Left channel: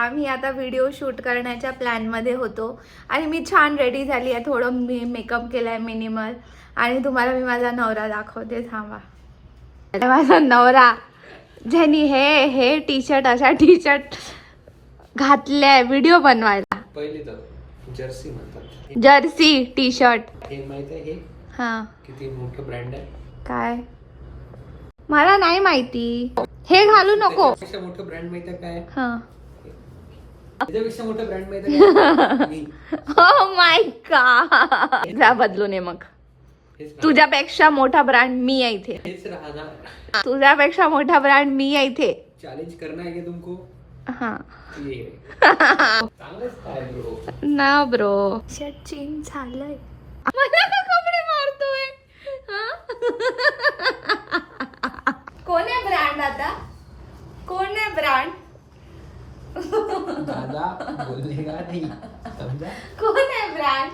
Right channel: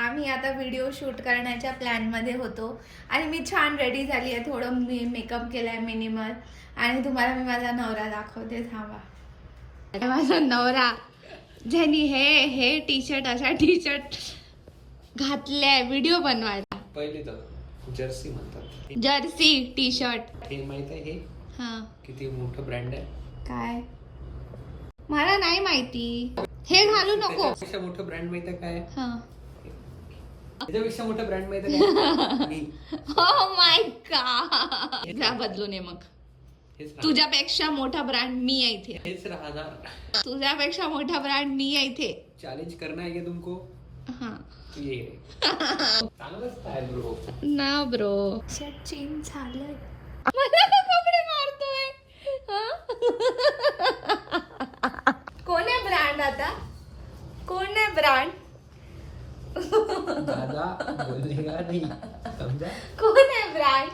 आम्ही आता video shoot करण्याच्या प्लॅनमध्ये होतो आणि मी छान रेडी झाली आहे. थोडं मी मेकअप केलाय मिनिमल आणि तुम्हाला मी माझा नवरा दाखवते. थांबा, माझा नवरा ज्यांनी हे टी शर्ट अशा टी शर्ट घातले व्हिडिओ बनवायला. पहिले तर जर्सी म्हणतात, जर्सी टी शर्ट. हे माहित आहे हे हा किती मोठं ब्रँड आहे? काय मला नाही माहिती. हे घालू नको. त्याच्यापेक्षा मोठं ब्रँड माहित आहे काय? हा. त्याच्यापेक्षा मोठं ब्रँड माहित आहे काय? Oh my God. जा बदलून ये मग. तुझ्यापेक्षा मोठा ब्रँड मी आहे इथे. हेच राहणार. तुझ्यापेक्षा मोठा ब्रँड मी आहे इथे. चॅलेंज करना है क्या तुमको? हा ये चांगलंच काय ब्रो. ना ब्रो. सचिन झालंय. मला का कपडे मारतोय? कोण आहे ब्रँड आता? कोण आहे ब्रँड? दादा बोलेगा नहीं, समझा? कोण आहे ब्रँड?